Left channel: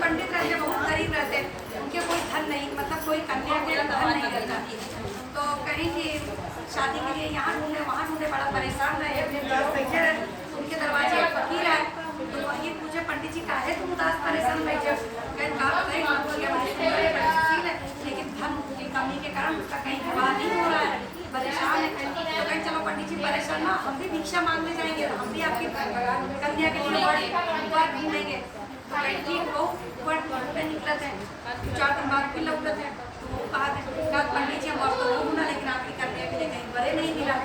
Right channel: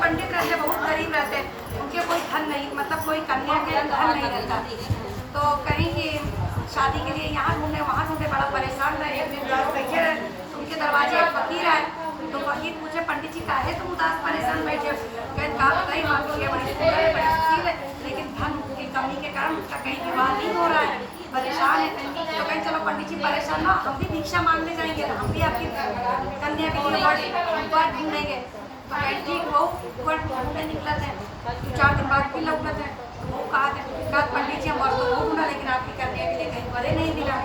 पंडित रहते बहुत गरीब रहते हैं, उनके कोई धन नहीं, मतलब कोई कन्या के धन नहीं रहता, तो कहीं कि शादी के लिए यहाँ ढूंढे वहाँ ढूंढे, बड़ा परेशान रहे। एक दिन देखिए उनके दरवाजे एक फकीर आए, तो फकीर पूछे पंडित जी काहे तुम उदास परेशान बैठे हो? कहते कहा बताइए माँ बिटिया बड़ी सुंदर है, बड़ी सुशील है, लेकिन धन की कमी के कारण उसका कहीं विवाह नहीं हो रहा है, परेशान है। तो कहें चलो पंडित जी परेशान ना, हम भी भिक्षा मांगने जाएंगे, तो हम भी आपकी कन्या के लिए वर ढूंढेंगे। तो कहें ठीक वो वर ढूंढने निकलते हैं, 4 दिन बाद फिर लौटते हैं, तो वो कहा पंडित जी हम वर तो वो ढूंढा, लेकिन आपकी कन्या के लिए कहीं वरे नहीं मिला।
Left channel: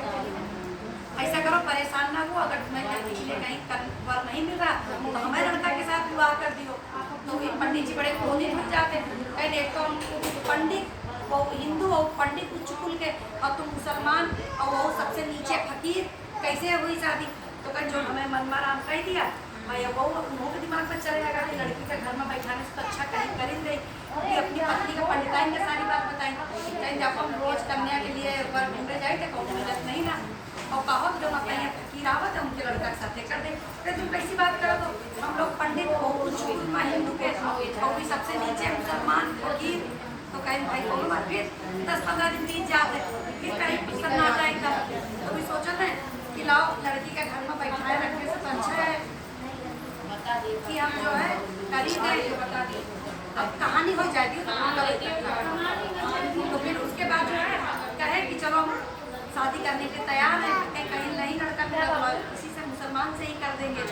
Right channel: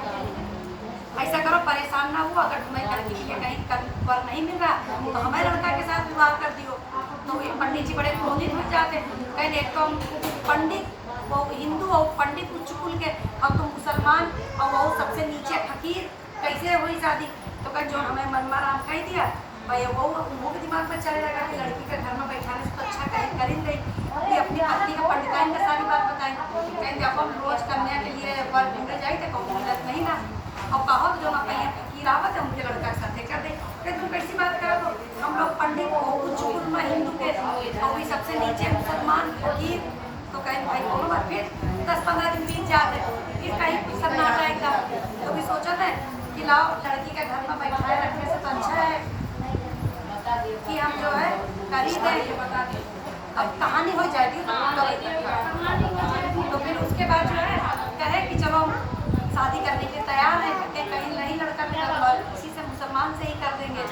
ऐसा करो परेशान ना हुआ, अगर तुम्हें लड़की के लिए कहीं वर नहीं मिल रहा तो हमारे लड़का के साथ विवाह कर दियो। तो ये पंडित जी बड़े क्रोधित हो जाते, कहें एक तो पंडित वो हिंदू और पंडित उच्च कुल के, और तुम मुसलमान और वो सबसे नीचे फकीर, कैसे हुई शादी? तो कहें जो हमें मनवा राम कह दिया भाई, वो मुँह के दिमाग में चले लगा कि लड़की के घर में बैठाने से तो अच्छा कहीं कर ही गई कि अपनी पत्नी का पंडिताइन का सारी बात बताई। कहीं जब हम रोज कन्या के लिए वर ढूंढे जाए तो कहूँ मिलत नहीं ना, और कहो जो ना पहिया फकीर आवत है उनके लड़का के साथ कर दे। फिर तुम कैसी बात करो? तो हम लोग पंडित हो कुछ कुल हिंदू के और भी सबसे नीचे मुसलमान फकीर। तो कहें भाई कोनो बात, फिर 10-15 दिन बीत जाते, फिर कहीं कुछ सन्नाटा एकदम। तो भी सोचा था कि लाओ लड़की के घर में बैठाए रखने से तो अच्छा है कि हम जो है कर ही दें, अब कहानी हो जाएगी तो फिर उसके बाद जो है कहे कि चलो हम शादी करने के तैयार हैं, कहीं नहीं लड़का मिला तो किसी से मुसलमान से ही कर देंगे।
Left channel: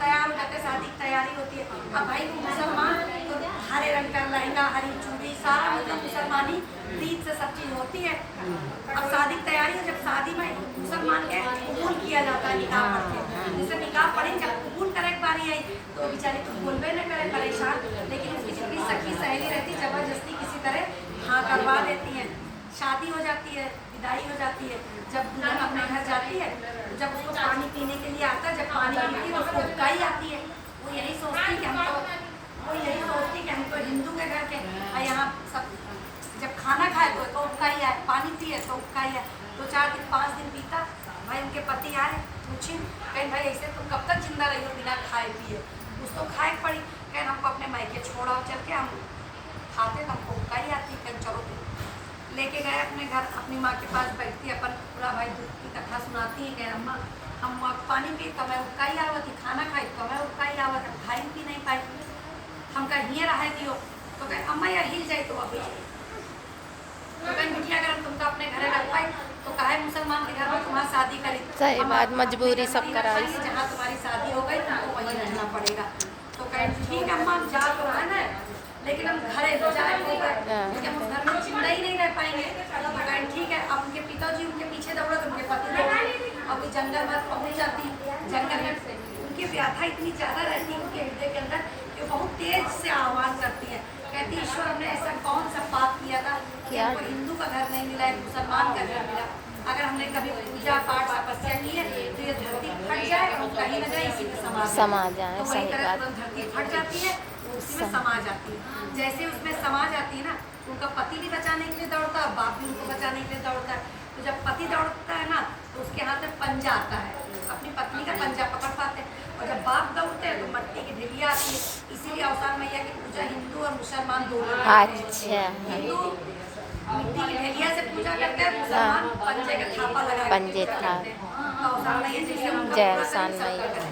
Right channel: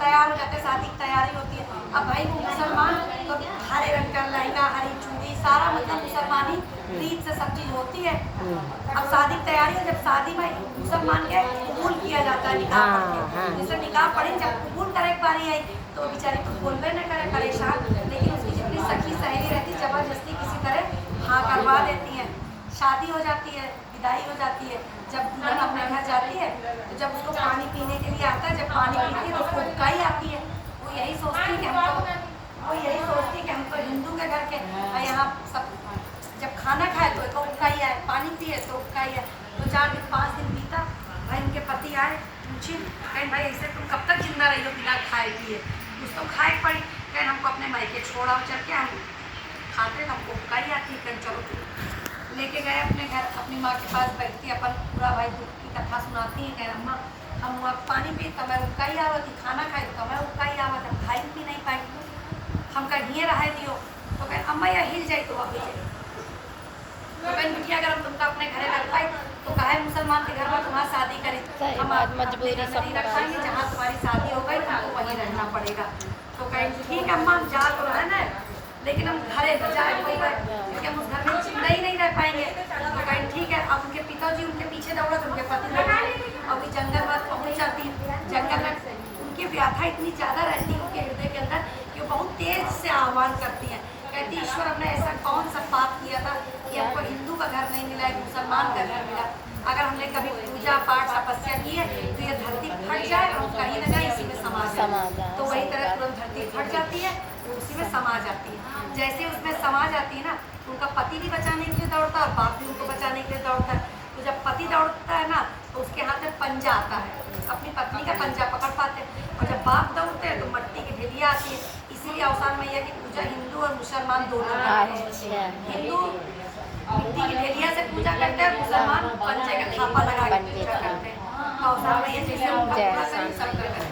तैयार हो जाते, शादी की तैयारी होती है। अब भाई वो मुसलमान तो हरे रंग का लहंगा, हरी चूड़ी, सारा मतलब मुसलमानी रीत से सब चीज़ होती है। अब शादी की तैयारी है, जब शादी में मुसलमान के कबूल किया जाता है निकाह पढ़ के, जैसे निकाह पढ़ी जब कबूल करे एक बारी आई तो वो बेचारी कुछ बोलबे न करे, परेशान, लेकिन उसकी जितनी सखी सहेली रहती जबरदस्ती किसी तरह हाँ करवा देती हैं। शादी हो जाती है, विदाई हो जाती है। जब दुल्हन अपने घर जाती है तो जब उसको पानी पीने के लिए आता है, जब पानी पीती है तो उसको उबकाई आती है। वो यही सोचती कि हम तो हिंदू के घर के, और यहाँ सब जब खाना खाए तो उबकाई आए, पानी पिए तो उबकाई आए। तो 4 दिन 5 दिन बीता, भाई उनके पति आए, पूछी कहीं भाई ऐसे तुम कब तक जिंदा रही हो बिना खाए पिए? उसको खाए पड़ी, कहीं हमको अपने मायके छोड़ा चल के, हम खाते तो हमको उबकाई आती है। कहीं चलो लेके गए अपने घर, अपनी माँ के पास बैठती अपन पूरा भाई दुख की कथा सुनाती है। कह अम्मा हम वहाँ पानी पी तो मैं उबकाई आवत थी, खाना खाई तो मैं उबकाई आवत, हम खाई पी नहीं पाई, हम कहीं रह दियो। तो कह अम्मा या हिल जाए तो वापस जाए। तो कहीं बिटिया अगर हम तुमको अपने घरे रख पाए तो काहे मुसलमान के घर में तुम्हारी शादी करी, हम मजबूरी सब रख पाएंगे, जहाँ तुम्हारी शादी हो गई तुमको वहीं रहना पड़ेगा। तो कहें ठीक है अम्मा हम जा तो रहे ना, लेकिन हम घरे न जाए क्योंकि हम उस घर में जिंदा ही नहीं रह पाएंगे। तो कहें ठीक है। अब उनके पिताजी उनके पीछे दौड़े तो उनके पति दौड़े, और वो जंगल में पहुँच जाती है। जंगल में उनकी व्याथा इतनी ज़्यादा रहती है उनके हृदय के अंदर कि वो बहुत तेज से आह्वान करती है, कहती ईश्वर हमने ऐसा कौन सा पाप किया था कि हमको हिंदू का घर नहीं मिला, एक मुसलमान का घर मिला। अगर हमने कभी पूजा पाठ तपस्या की है तो ये धरती फट जाए और कहीं न जाए इसी में समा जाए। तो वही तरह तुरंत धरती फट जाती है, उसी में समा जाती है। जैसे उसमें समा जाती है ना, उनका पति भी बचाने के लिए दौड़ता है और बाप भी उनको बचाने के लिए दौड़ता है। तो जब पति दौड़ता है ना तो उसके हाथ में पंजा आता है, अपनी पत्नी का पंजा पकड़ पाते हैं। और जब बाप दौड़ते हैं तो मट्टी की ढेलिया आती है। इसीलिए अवसान मैया की पूजा हिंदू और मुसलमान दोनों करते हैं। हिंदू मिट्टी की ढेलिया से पूजा करते हैं, मुसलमान पंजे का थापा लगा के पूजा करते हैं। तो अवसान मैया जैसे उनका पूरा करें सबका करें।